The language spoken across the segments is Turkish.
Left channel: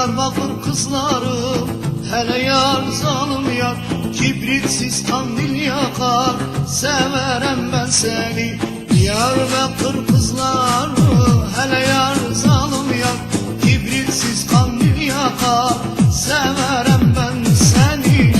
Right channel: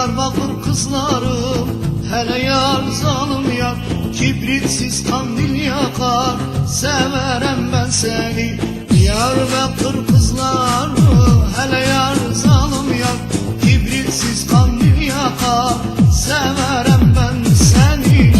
Diyarbakır kızlarım, hele yar zalim yar, kibritsiz kandil yakar, severem ben seni. Diyarbakır kızları, hele yar zalim yar, kibritsiz kandil yakar, severem ben seni.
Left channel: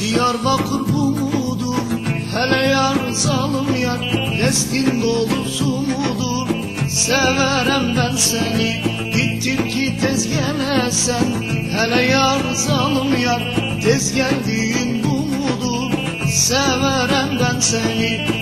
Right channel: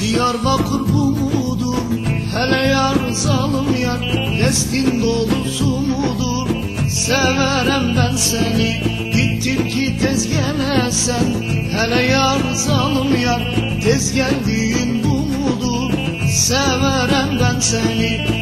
Diyarbakır bu mudur? Hele yar zalim yar, destin dolusu mudur? Severem ben seni, gittin ki tez gelesen. Hele yar zalim yar, tez geldiğin bu mudur? Severem ben seni.